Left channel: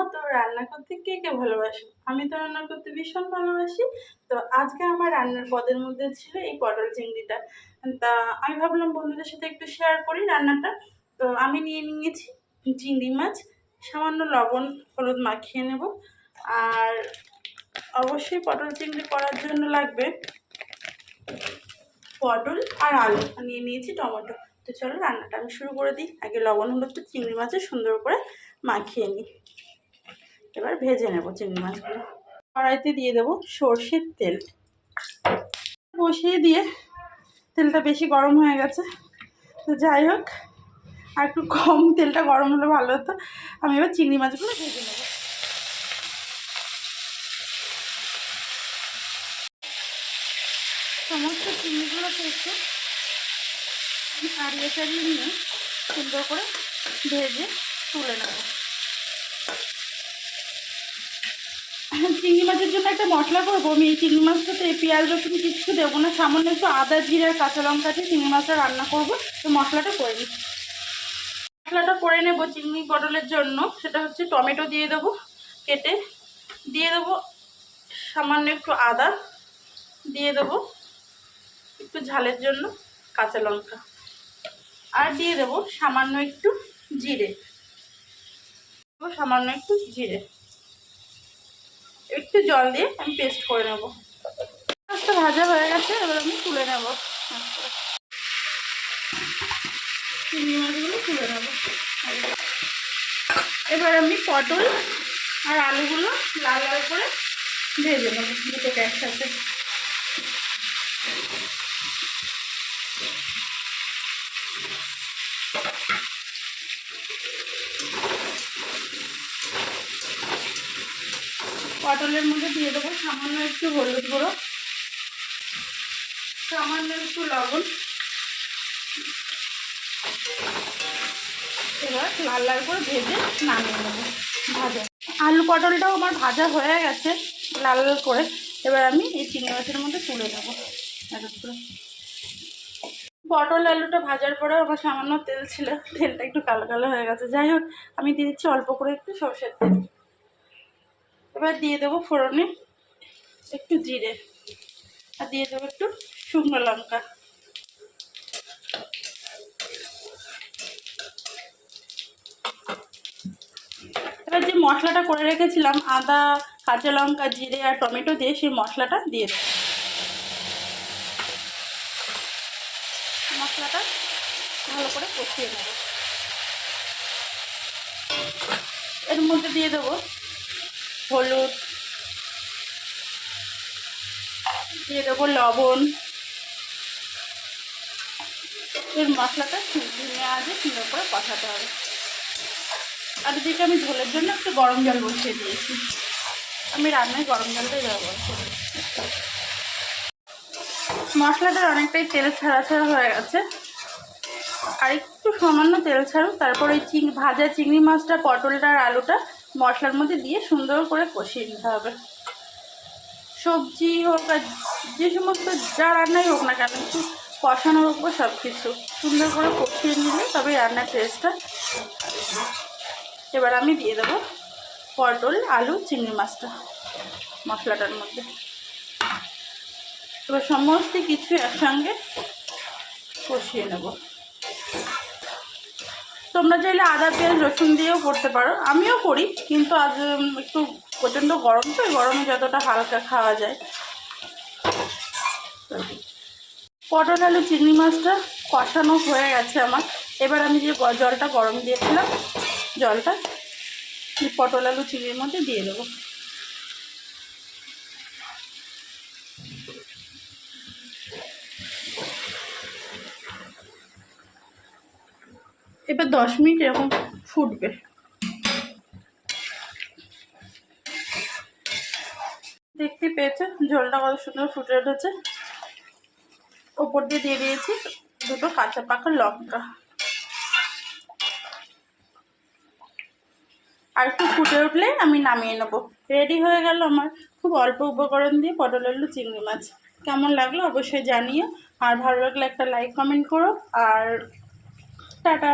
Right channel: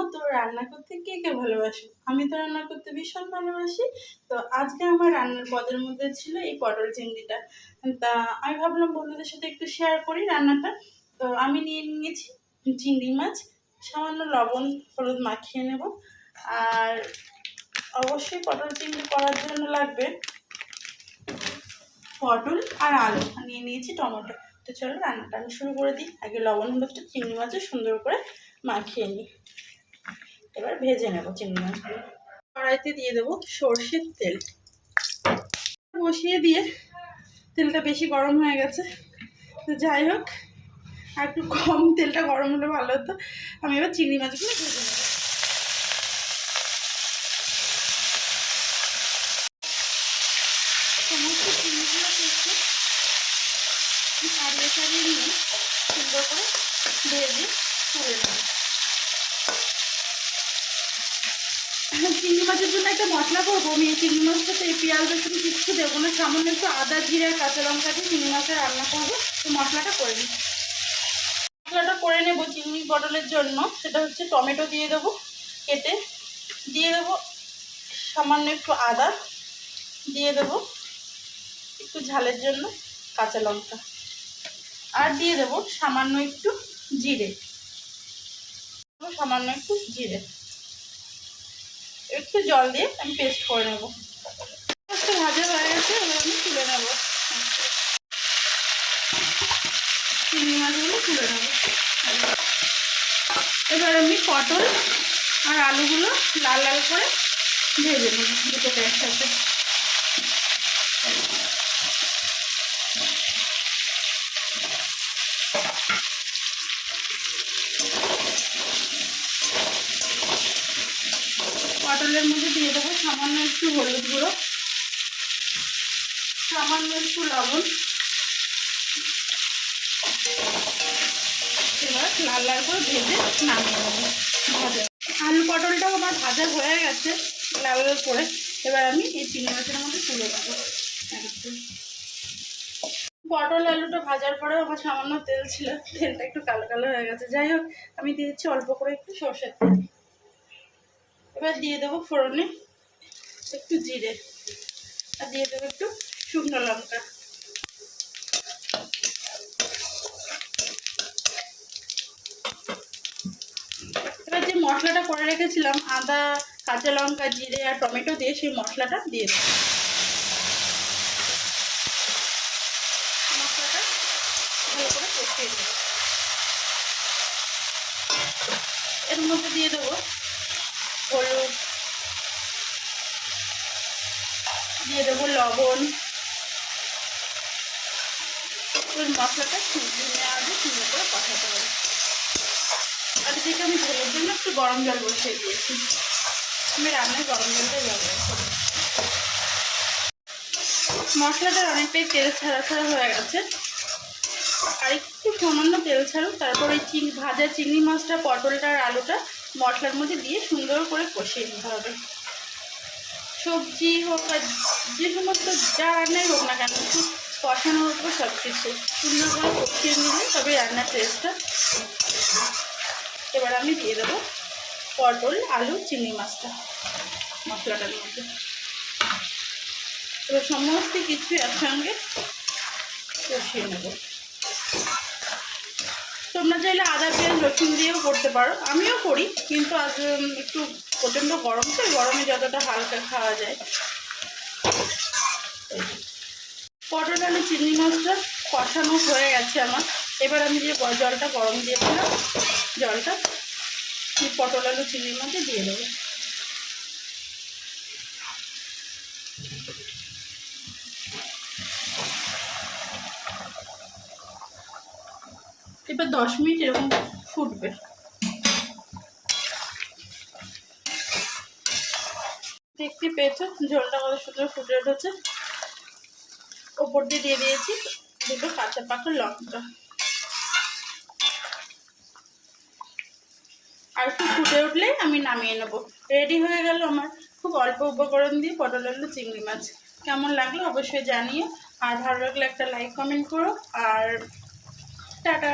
মতো রান্না করতে কে কে ভালোবাসো? আমি তো রান্না করতে ভীষণ ভালোবাসি। তো আজকে আমার রান্নার পদের মধ্যে ছিল এই পটল চিংড়িটা। তা আমি ভাবলাম বন্ধুদের সাথে একটু শেয়ার করি রান্নাটা। তো আমি নিয়ে নিয়েছি চিংড়ি মাছ, সামান্য লবণ হলুদ মাখিয়ে নেব। আর অবশ্যই পটল চিংড়ি করার জন্য লাগবে পটল আর আলু, নিয়ে নিয়েছি টমেটো। তো চলো রান্নাটা আমি শুরু করে দিই। আগে লবণ হলুদটা চিংড়ি মাছে সুন্দর করে মাখিয়ে নিই। এবার ভেজে নেব চিংড়ি মাছগুলো। কড়াইতে দিয়ে দেবো সর্ষের তেল, বসিয়ে দিয়ে তেলটা বেশি গরম হয়ে গেছে। তো যাই হোক, আর একটু কম তেলটা গরম হলে ভালো হতো। আমি এবার চিংড়ি মাছগুলো ভেজে নেব। সমস্ত চিংড়িগুলো পেয়েছে ছাড়িয়ে ছাড়িয়ে নিয়ে সুন্দর করে ভেজে তুলে নেব। চিংড়ি মাছের জন্য একটা মশলা করবো আমি। এই চিংড়ি মাছটাতে পেঁয়াজ রসুন কিচ্ছু দেবো না, সামান্য একটু আদা জিরে কাঁচা লঙ্কা দিয়ে চিংড়ি মাছটা রান্না করবো। তো মশলাটা করে নিই। মশলাটা করে নেব চিংড়ি পটলের জন্য। সেটা হচ্ছে টমেটো দিয়ে দেবো কেটে, দিয়ে দেবো সামান্য একটু আদা, দিয়ে দেবো একটু ঝালের জন্য কাঁচা লঙ্কা, আর দিয়ে দেবো সামান্য একটু জিরে, সামান্য একটু জিরে, একটু জল দিয়ে আমি পেস্ট করে নেব। মাছটা ভাজা হয়ে গেছে, এবার আমি তুলে নেব। চিংড়ি মাছগুলো তুলে নেব। এবার আমি পটল আর আলুগুলো লাল লাল করে ভেজে নেব দুটোকে একসাথে। পটলের মধ্যে দিয়ে দেবো সামান্য একটু হলুদ গুঁড়ো, সামান্য একটু লবণ। এবার লাল লাল করে ভেজে নামিয়ে নেবো। ভাজা আলু পটলটাও আমার ভাজা হয়ে গেছে লাল লাল করে। এবার আমি এই চিংড়ি মাছের মধ্যে তুলে নেবো এক এক করে। পটল আলুটা ভাজার পরে আমার সামান্য তেল ছিল, তেলটা একটু কালো কালো হয়ে গেছে। যাই হোক, আমি দিয়ে দিচ্ছি অল্প করে একটু সর্ষের তেল। এবার দিয়ে দেবো ফোড়নে একটু জিরে, আর দিয়ে দেবো একটু শুকনো লঙ্কা। এবার যে মশলাটা করে রেখেছিলাম আদা কাঁচা লঙ্কা জিরে আর টমেটো দিয়ে, সেই মশলাটা দিয়ে দেবো। মশলাটা ভালো করে কষিয়ে নেব। এর মধ্যে দিয়ে দেবো হলুদ, দিয়ে দেবো লবণ। এর মশলাটা নেওয়া আগে সুন্দর করে কষাতে হবে। আর এদিকে আমি ঝোলের জন্য একটু গরম জল বসিয়ে দিয়েছি। আমি রান্নায় গরম জলটাই ব্যবহার করি। মশলাটার অনেকটাই তেল ছাড়া ছাড়া হয়ে গেছে, আর একটু সামান্য তেল ছাড়ুক। তারপর এই ভাজা চিংড়ি মাছটা পটলটা আর আলুটা মশলার মধ্যে দিয়ে সুন্দর করে কষিয়ে নিতে হবে। সবজি হোক আর যে সমস্ত যা রান্নাই হোক না কেন, একটু কষানোর উপর সব কিছু সুন্দর করে কষিয়ে নিলে তবে রান্নার টেস্টটা। এবার আমি দিয়ে দেবো পটল আলু চিংড়ি মাছটা মশলাটার মধ্যে। এবার সমস্ত কিছু একসঙ্গে কষিয়ে নেব। তোমরা চাইলে আদা পেঁয়াজ রসুন দিয়েও করতে পারো, আমিও করি, কিন্তু আজ একটু প্রচণ্ড গরম তো, গরমে যতটা হালকা খাওয়া যায়। পটল আলু চিংড়ি মাছটা কষানো হয়ে গেছে আমার। এবার আমি যে জলটা গরম দিয়েছিলাম জলটা পটল আলু চিংড়ির মধ্যে দিয়ে দেবো। এবার 10 মিনিট এরকম ফুটবে। দেখতে পেয়েছো ঝোলটা কত সুন্দর ফুটে উঠেছে। ওপর দিয়ে দিয়ে দিয়েছি দুটো কাঁচা পাকা লঙ্কা। আর একটু ফুটে উঠলে আমি নামিয়ে নেবো। রেডি হয়ে গেল আমার খুব অল্প উপকরণ দিয়ে পটল আলু চিংড়ি মাছ। কেমন লাগলো অবশ্যই জানিও, আর ভালো লাগলে একটা লাইক কমেন্ট করো। আর টাটা।